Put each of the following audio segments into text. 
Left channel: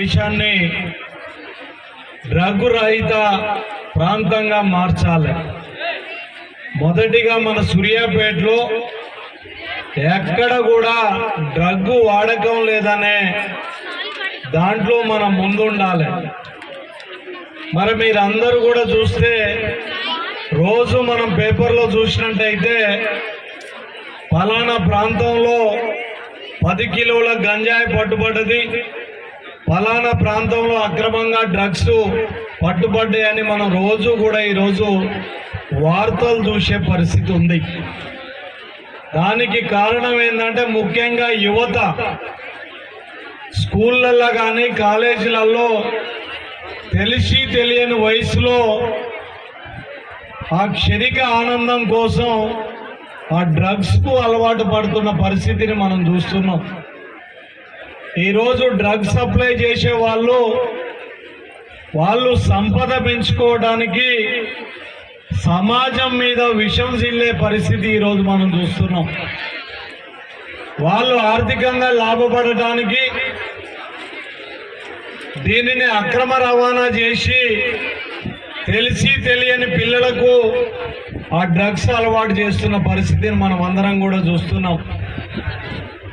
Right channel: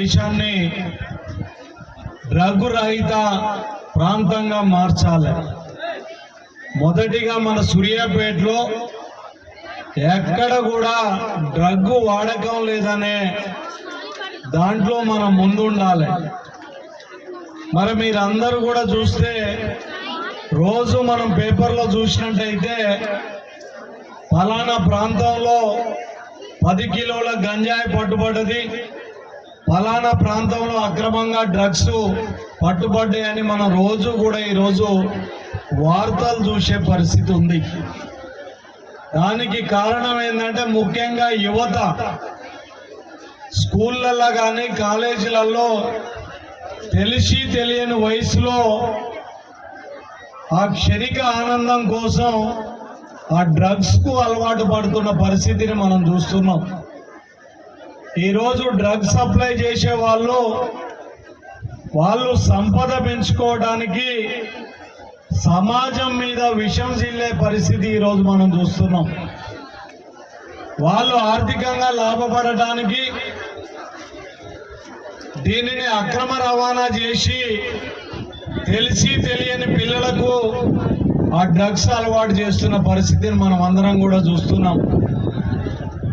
దేశాన్ని డ్రగ్ రహిత ప్రాంతంగా మార్చాలి. మొదటిగా మన సూర్యాపేటలో ఎక్కడ కూడా డ్రగ్ వాడకం లేదనే దాంట్లో మనం ముందుండాలి. మరి మీరందరూ కూడా చూస్తే రోజు మనం పేపర్లో చూసినట్టయితే ఫలానా ప్రాంతంలో పది కిలోల గంజాయి పట్టుబడ్డది. ఫలానా ప్రాంతంలో అక్రమంగా డ్రగ్స్ పట్టుబడ్డాయని మనం రోజు కూడా ఈరోజు వార్తలు చూసే పరిస్థితి ఉంది. దానికి కారణం ఏంటంటే ముఖ్యంగా యువత స్కూళ్ళల్లో కానీ కాలేజీలలో తెలిసి తెలియని వయసులో ఆ క్షణిక ఆనందం కోసం ఆ డ్రగ్స్కు అలవాటు పడుతున్న పరిస్థితిని మనం చూస్తున్నాం. ఈరోజు డ్రగ్స్ సప్లై చేసే వాళ్ళు వాళ్ళు సంపద పెంచుకోవడానికి సమాజం మీద విషం చిల్లే పరిస్థితి ఈరోజు మనం చూస్తున్నాం. వాళ్ళు ఆర్థికంగా లాభపడటానికి దీనిని అక్రమ రవాణా చేసి తెలిసి తెలియని పిల్లలకు ఆ డ్రగ్స్ అలవాటు చేస్తున్న పరిస్థితిని మనం అందరం కూడా చూస్తున్నాం.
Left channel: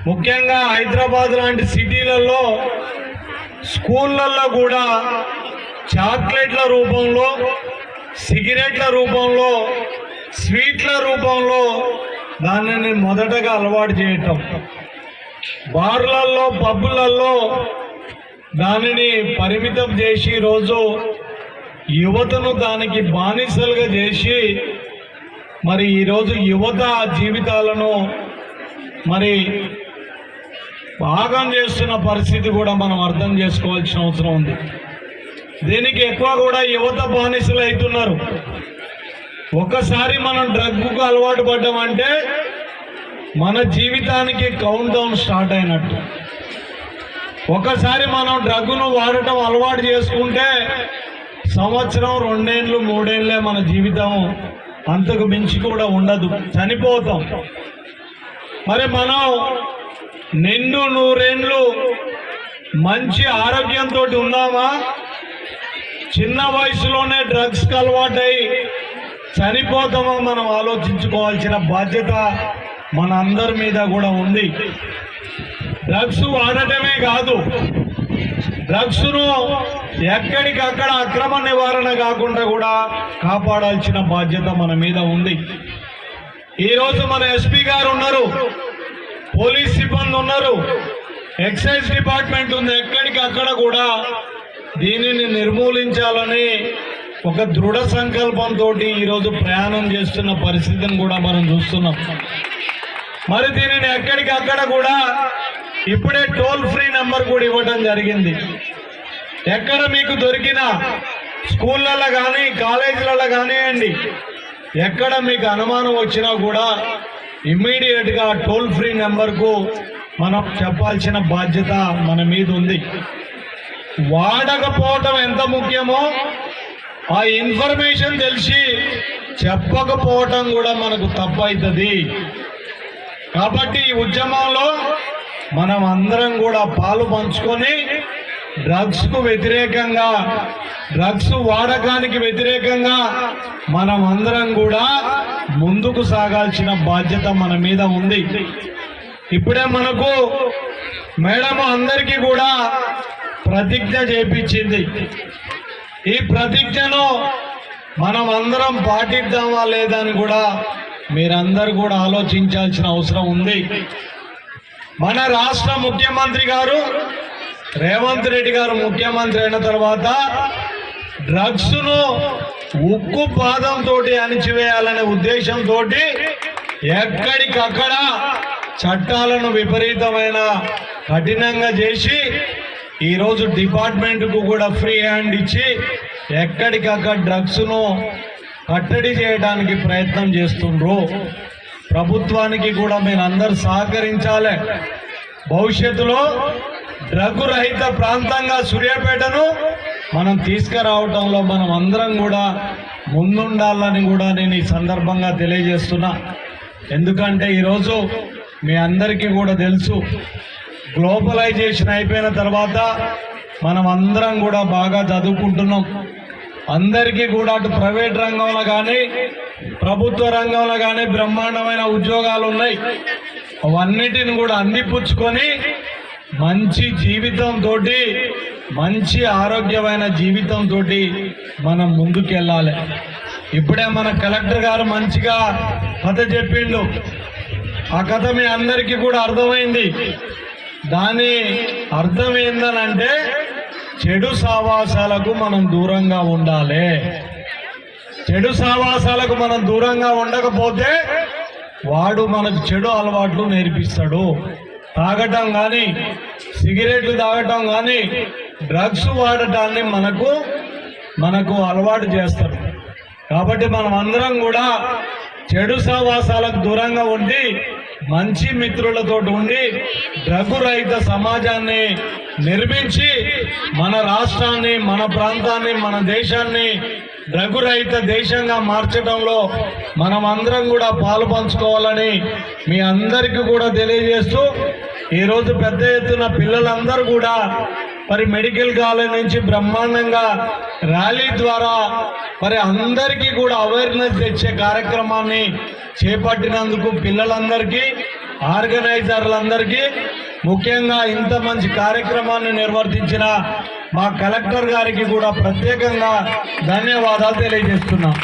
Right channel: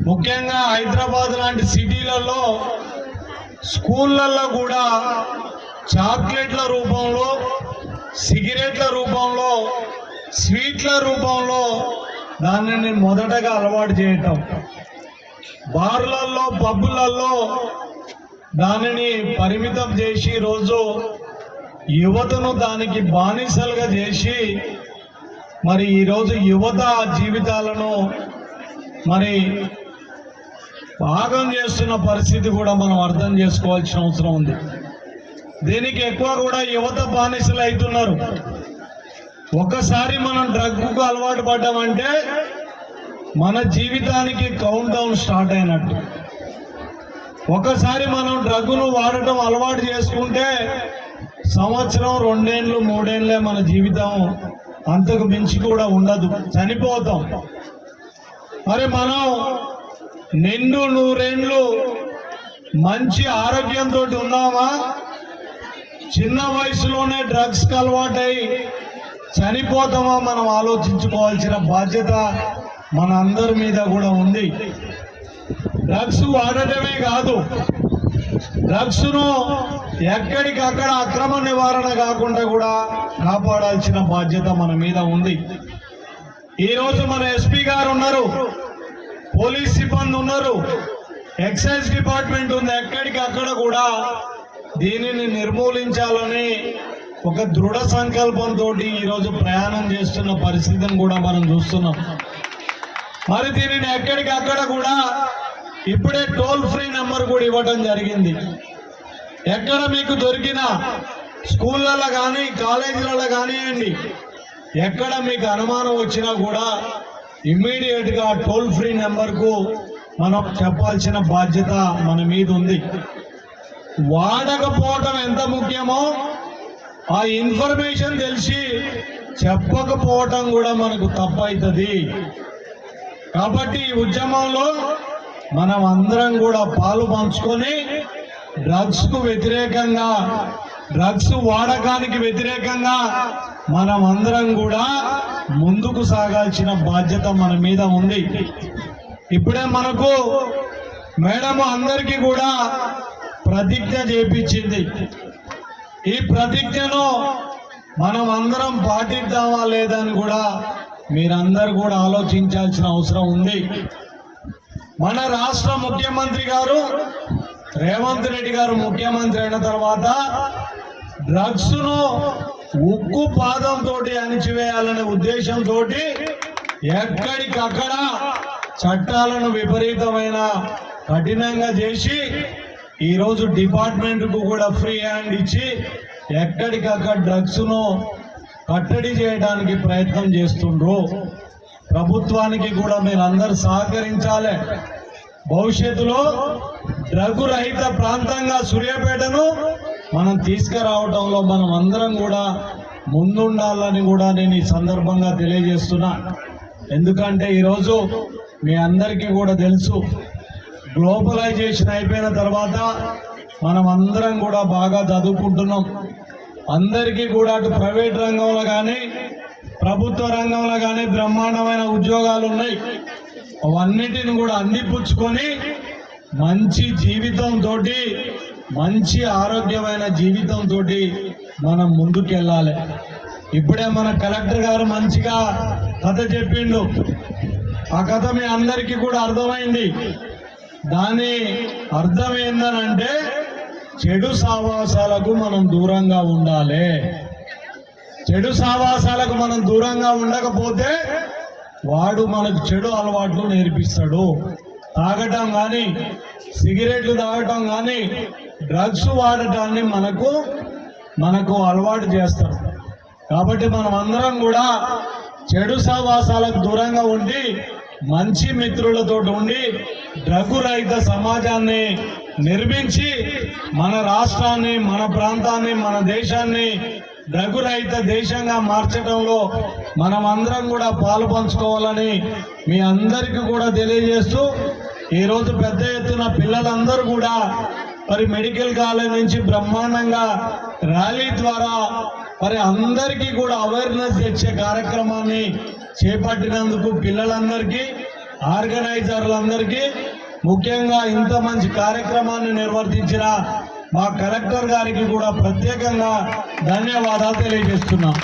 ముఖ్యంగా హైదరాబాద్ లాంటి సిటీలలో స్కూళ్ళల్లో కూడా చాక్లెట్ల రూపంలో సిగరెట్ల రూపంలో స్వీట్ల రూపంలో దానిని మొదటగా అలవాటు చేయటం. బార్లల్లో పబ్బులలో దానిని పరిమితం చేసి రోజు యువతను దానికి బానిసలుగా చేసి మరి ఈరోజు యువత జీవితాలను మరి పాగం చేస్తున్న పరిస్థితి కూడా మనం అర్థం చేసుకోవాల్సిన అవసరం ఉంది. దీనికి ఎక్కువ కూడా యువత బానిసలు అవుతున్నారు. ఒకసారి మనం డ్రగ్కు అలవాటు పడ్డామంటే మన జీవితానికి కౌంట్ డౌన్ స్టార్ట్ అయినట్టు. ఒకసారి మనం డ్రగ్గును వాడటం అలవాటు చేసుకుంటే సంవత్సరం రెండేళ్ళు మూడేళ్ళే మన జీవితం అంతకు మించి కూడా ఉండదు. చనిపోతాం. మరి మనం నిండు నూరేండ్లు మంచి ఆరోగ్యంతో ఉన్నామా చిన్న వయసులోనే డ్రగ్స్ అలవాటై చనిపోతామా మనం ఆలోచించుకోవాల్సిన బాధ్యత మన అందరి మీద కూడా ఉంది. డ్రగ్స్ వాడటమే కాదు డ్రగ్స్ను ఎక్కడికక్కడ అక్రమ నివారణ కాకుండా కూడా కాపాడాల్సిన బాధ్యత మన మీద ఉంది. ఈరోజు మన ఎస్పీ గారు ఉన్నారు. పోలీస్ సిబ్బంది ఉన్నారు. ఎక్సైజ్ డిపార్ట్మెంట్ ఉంది. ఎక్కడికి అక్కడ కూడా దీనిని నిర్మూలించాలని ఒక దృఢ సంకల్పంతో ఈరోజు ప్రయాణం చేస్తున్న పరిస్థితిని కూడా మనం చూస్తున్నాం. మరి దీనిని ఎక్కడికి అక్కడ కూడా ఇప్పుడే టోల్ ఫ్రీ నెంబర్ కూడా ఇవ్వడం జరిగింది. ఎక్కడ మీకు దొరికిన స్కూళ్ళల్లో కానీ కాలేజీలలో కానివ్వండి ఎక్కడ మీకు అనుమానం వచ్చినా కూడా ఇమ్మీడియట్గా టోల్ ఫ్రీ నెంబర్కు మనం చెప్పాల్సిన బాధ్యత మన మీద ఉంది. వాడకపోవటం ఎంత ముఖ్యమో ఆ ఇన్ఫర్మేషన్ తెలిసి చెప్పకపోవటం కూడా మనకు తప్పవుతుంది కాబట్టి ఈ ఉద్యమంలో మనం అందరం కూడా పాలు పంచుకొని డ్రగ్స్కు వ్యతిరేకంగా డ్రగ్స్ వాడకానికి వ్యతిరేకంగా మనం అందరం కూడా ముందుకు సాగాల్సిన బాధ్యత మన మీద ఉంది. ఇప్పుడే మనకు మేడం అందరికీ కూడా ప్రతిజ్ఞ చేపించింది. ఈ ప్రతిజ్ఞను మనం అందరం పాటిద్దామా లేదా అని కూడా మీరందరూ కూడా ఆలోచించాల్సిన అవసరం ఉంది. మన రాష్ట్ర ముఖ్యమంత్రి గారు రేవంత్ రెడ్డి గారు ముఖ్యమంత్రి అయిన తర్వాత డ్రగ్స్ను ఉక్కు పాదంతో అణిచివేయాలనే ఉద్దేశంతో ఎక్కడికక్కడ చట్టాలను విపరీతమైన కఠినంగా చేసి ఈరోజు డిపార్ట్మెంట్కు కూడా ఫ్రీ హ్యాండ్ ఇచ్చి ఎక్కడికక్కడ డ్రగ్స్ను కట్టడి చేయడానికి ప్రయత్నం చేస్తుండ్రు. ప్రభుత్వానికి కూడా మీరు అందరు సహకరించాలి. భవిష్యత్తులో రఘురహిత ప్రాంతంగా సూర్యాపేటను మనం తీసుకురావటంలో మనం అందరం కూడా ముందుండాలని కూడా నేను ఈ సందర్భంగా తెలియజేస్తున్నా. ఎందుకంటే ఈరోజు మీ అందరికీ కూడా తెలుసు గ్లోబలైజేషన్ అయిపోయిన తర్వాత మనం అందరం కూడా బాగా చదువుకుంటున్నాం. అందరికీ కూడా అటు ప్రైవేట్ రంగంలో కానీ ప్రభుత్వ రంగంలో కానీ బ్రహ్మాండమైన ఉద్యోగాలు ఉన్నాయి. అవన్నిటిని కూడా అందిపుచ్చుకొని మంచి జీవితంతో మంచి ఆరోగ్యమైన జీవితంతో మనం ముందుకెళ్ళాలి. ఇప్పుడే మన కలెక్టర్ గారు మంచిగా కథ చెప్పిండు. ఆ కథ మీ అందరికీ కూడా అర్థమైంది. దాని అర్థం ఏందనంటే చెడు సావాసాలకు మనం దూరంగా ఉండాలి. చెడు సావాసాలకు మనం దూరంగా ఉండకపోతే వాడు మనకు చెడు అలవాట్లు నేర్పిస్తాడు. తాగటం కానీ సిగరెట్లు తాగటం కానీ డ్రగ్స్ వాడటాన్ని మనకు మనకు అలవాటు చేస్తారు. కాబట్టి మనం అందరం కూడా చెడు సహవాసాలకు దూరంగా ఉండి మంచి మిత్రులతో ఉండి డ్రగ్గు రహిత సమాజాన్ని నిర్మించి మన రాష్ట్రాన్ని మన ప్రాంతాన్ని మన దేశాన్ని డ్రగ్గు రహిత దేశంగా మార్చడంలో మనం అందరం కూడా పాలు పంచుకోవాలని మీ అందరికీ కూడా తెలియజేస్తూ ఈరోజు పెద్ద ఎత్తున పిల్లలందరూ కూడా మరి మెడికల్ కాలేజ్ నుంచి బ్రహ్మాండంగా ర్యాలీ ద్వారా మరి అందరికీ కూడా అవేర్నెస్ తెచ్చే కార్యక్రమాన్ని చేపట్టినందుకు పిల్లలందరికీ ఆర్గనైజర్లందరికీ ముఖ్యంగా ఇంత మంచి కార్యక్రమాన్ని నిర్వర్తించిన మా కలెక్టర్ గారికి కూడా ప్రత్యేకంగా ధన్యవాదాలు తెలియజేస్తున్నాం.